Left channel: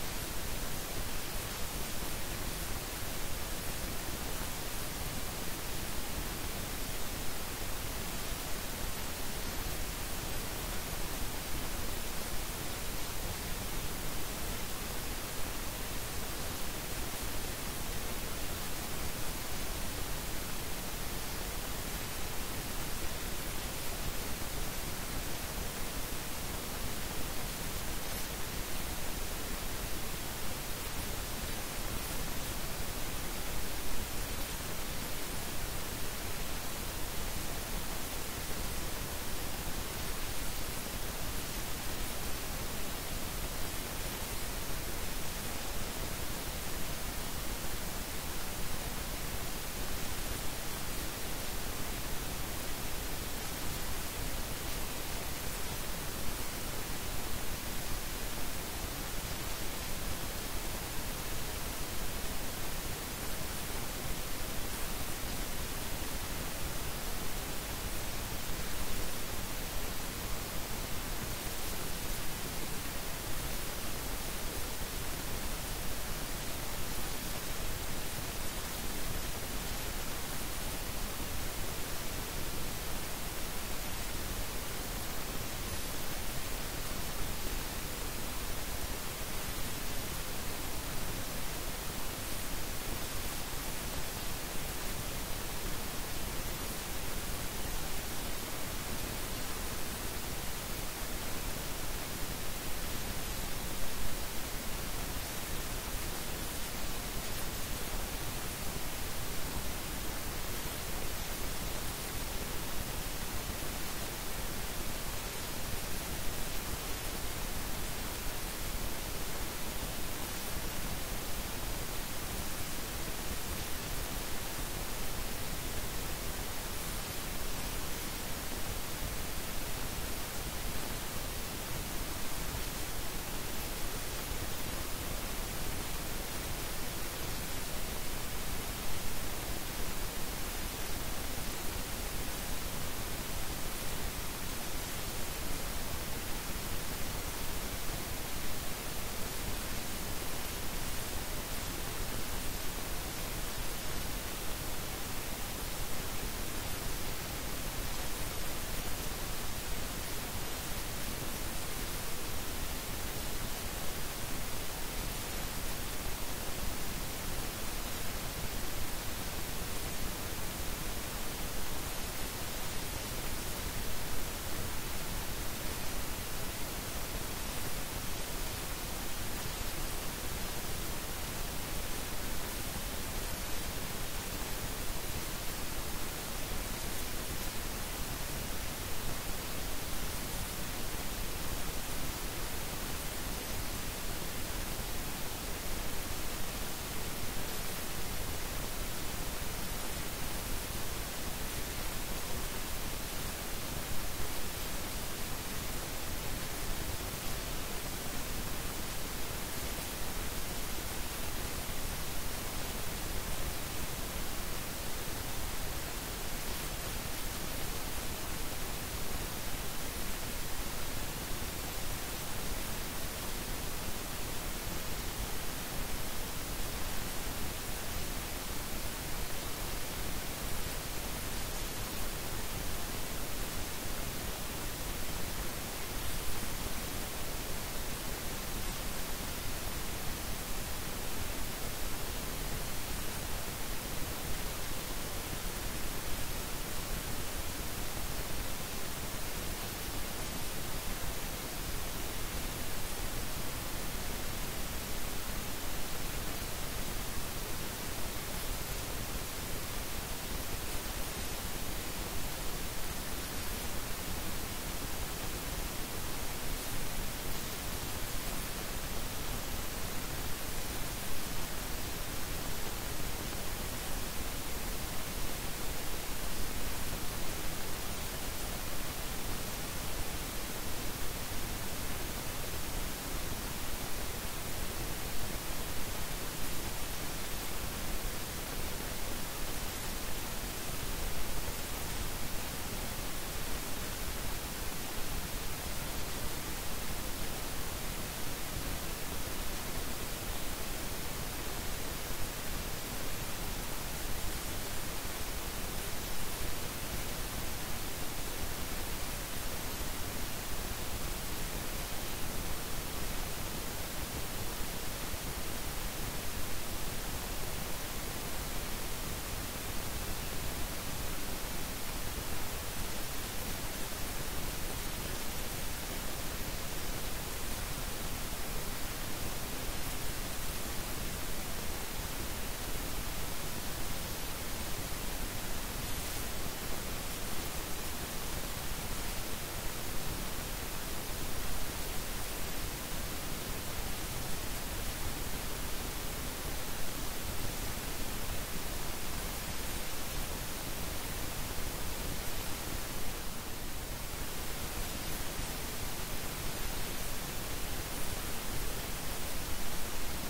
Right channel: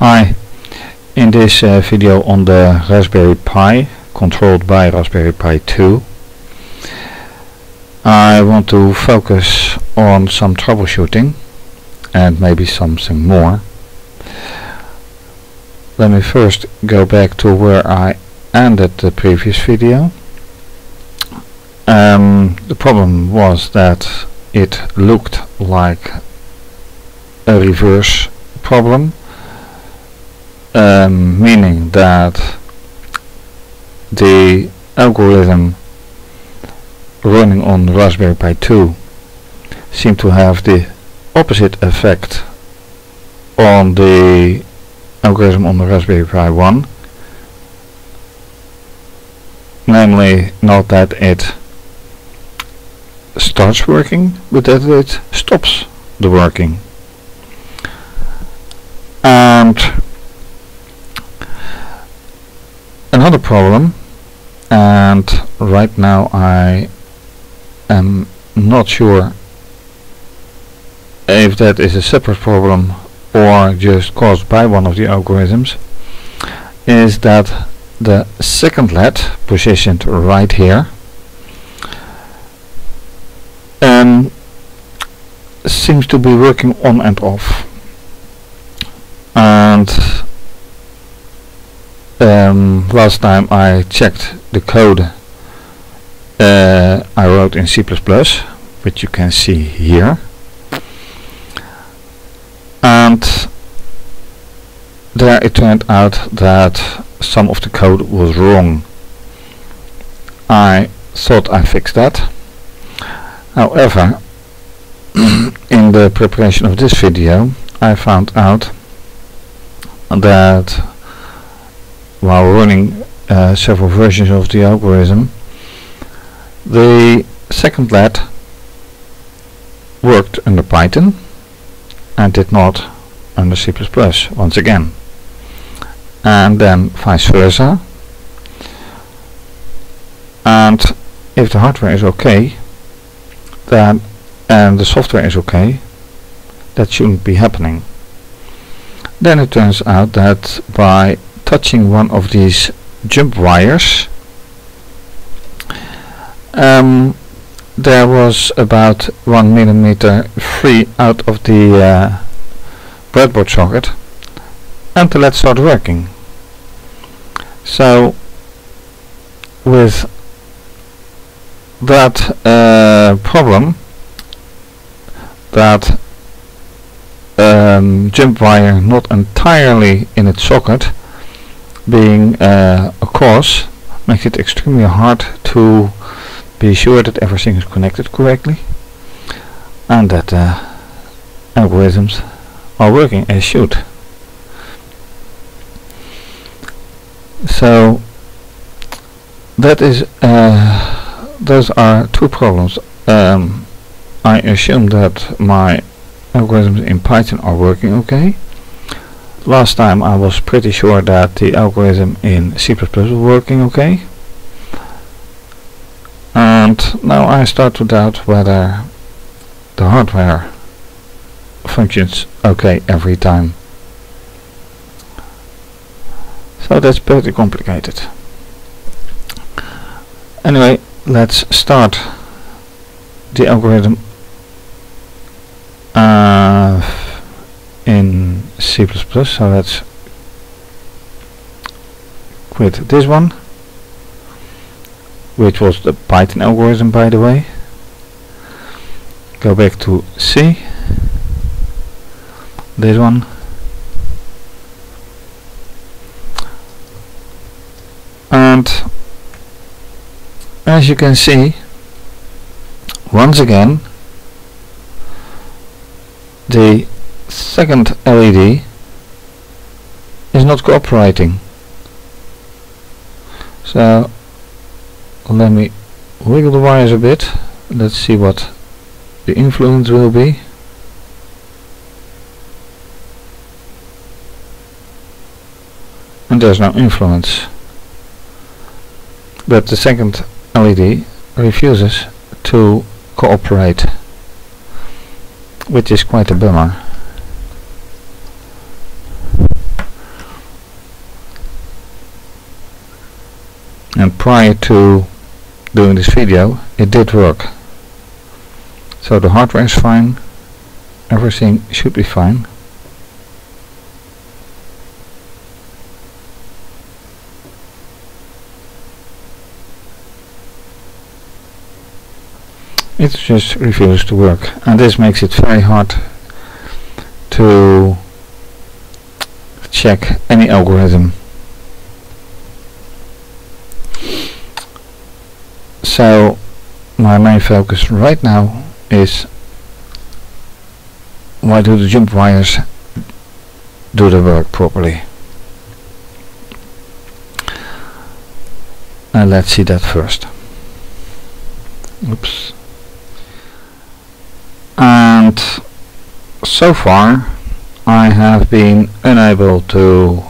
Hi, in this video on the Raspberry Pi, controlled by RaspberryPi2, I want to focus on some troubleshooting and maybe something more. Let me first go back to where I ended the previous video. The problem was that it looked like a reverse problem, meaning that the algorithm running on Raspberry Pi 2 seemed to have the opposite effect on the algorithm on the Raspberry Pi 1, namely not that it starts working, but that it stops the working. And another problem, and right now I am not sure if that is a separate problem or just caused by one of the algorithms, is that the second LED positioned right here seems to be working on and off. And last time I checked the code I wrote in C++, which you can see here, and there it turned out that some of the code was wrong. I thought I fixed that. However, in the preparation of this video I found out that while running several versions of the algorithm, the second LED worked under Python and did not under C++ once again, and then vice versa. And if the hardware is okay, then and the software is okay, that shouldn't be happening. Then it turns out that by touching one of these jump wires, there was about 1 millimeter free out of the breadboard socket, and the LED started working. So with that problem, that jump wire not entirely in its socket being a cause, makes it extremely hard to be sure that everything is connected correctly and that algorithms are working as should. So that is those are two problems. I assume that my algorithms in Python are working okay. Last time I was pretty sure that the algorithm in C++ was working okay, and now I start to doubt whether the hardware functions okay every time. So that's pretty complicated. Anyway, let's start the algorithm in C++. So let's quit this one, which was the Python algorithm, by the way. Go back to C, this one, and as you can see, once again the second LED is not cooperating. So let me wiggle the wires a bit. Let's see what the influence will be. And there's no influence, but the second LED refuses to cooperate, which is quite a bummer. and prior to doing this video it did work. So the hardware is fine, everything should be fine. It just refuses to work, and this makes it very hard to check any algorithm. So my main focus right now is why do the jump wires do the work properly. And let's see that first. Oops. And so far I have been unable to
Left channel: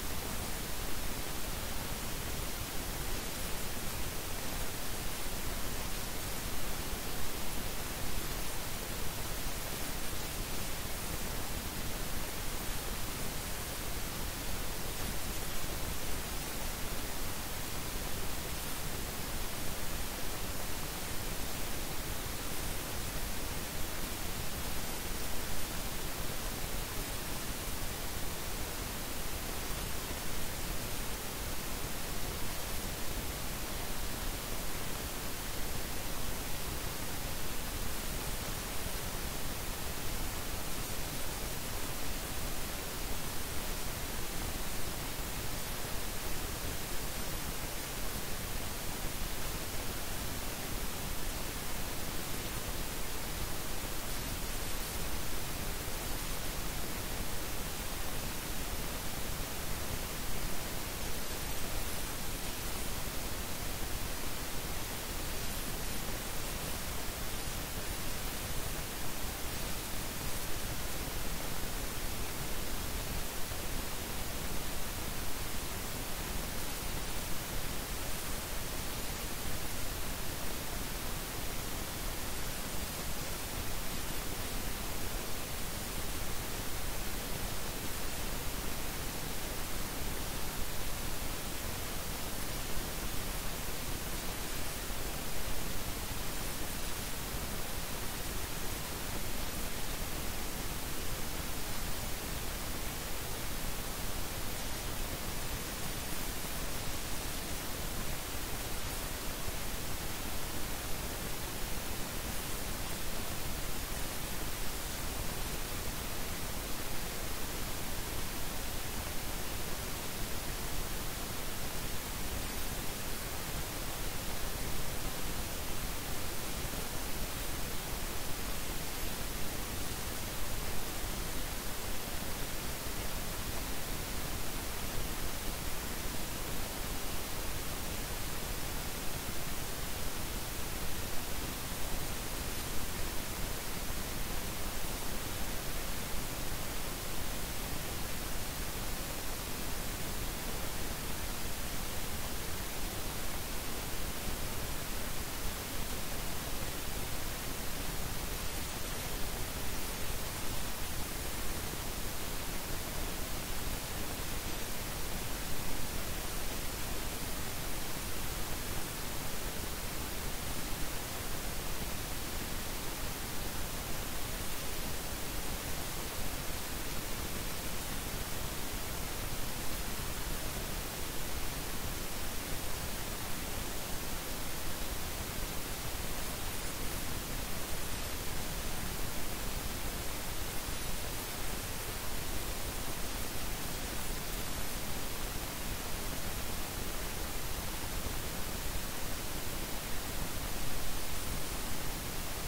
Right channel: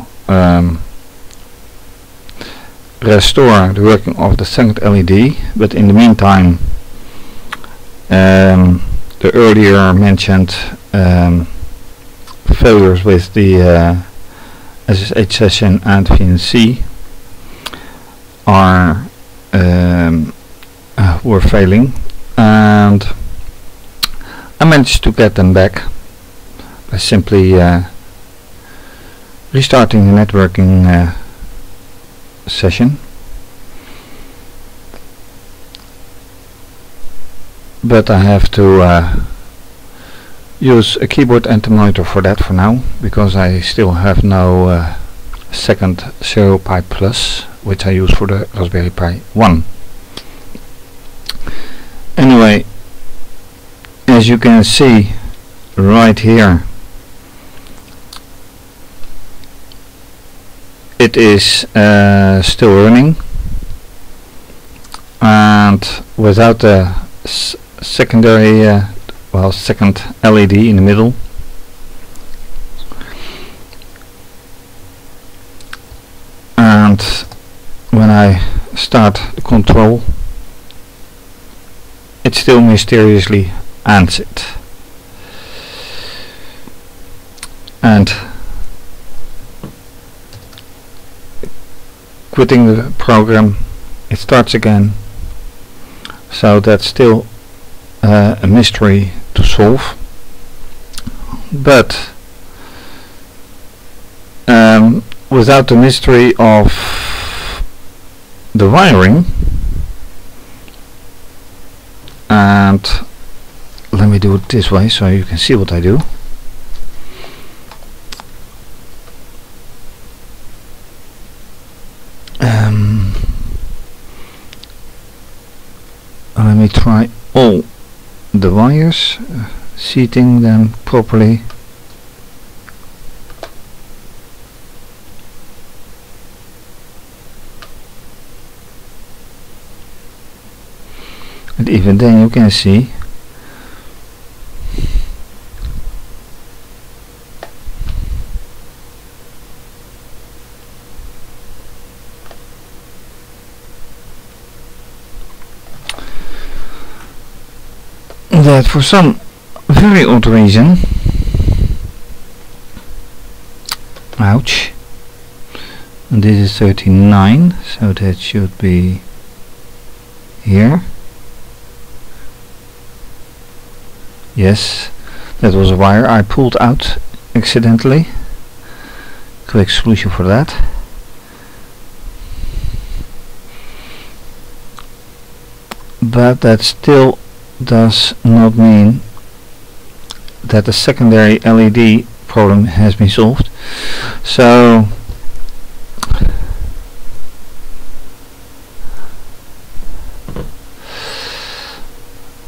restore the working of the second LED, but in the meantime the earlier mentioned failures with the SSH session and VNC are were failing, and I managed to get them back by simply restarting the networking session. But I have to use a keyboard and a monitor for that for now, because I still have no second RaspberryPi Plus, which I use for the Raspberry Pi 1. Anyway, as you can see right here, it is still running, and without the secondary second LED in the middle. And when I start the control, it still mysteriously ends it. And quitting the program, it starts again. So that's still a mystery to solve. But without the mystery of the wiring, and let me do it this way so you can see what I do. Let me try all the wires, seating them properly. And even then you can see that for some very odd reason, ouch, and this is 39, so that should be here. Yes, that was a wire I pulled out accidentally. Quick solution for that. But that still does not mean that the secondary LED problem has been solved. So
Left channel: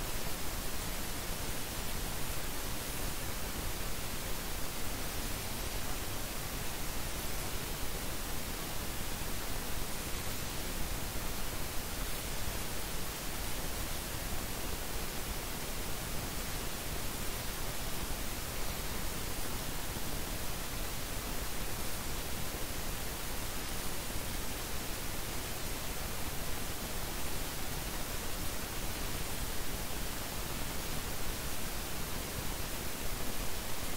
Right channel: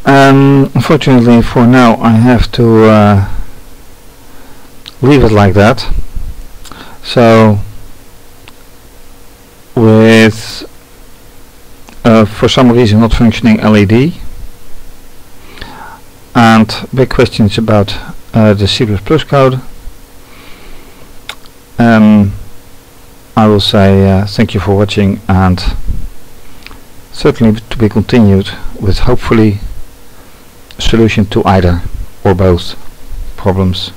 unfortunately for now I have to leave it like that. So with for some reason not functioning LED and big questions about the C++ code, I will say thank you for watching, and certainly to be continued with hopefully a solution to either or both problems.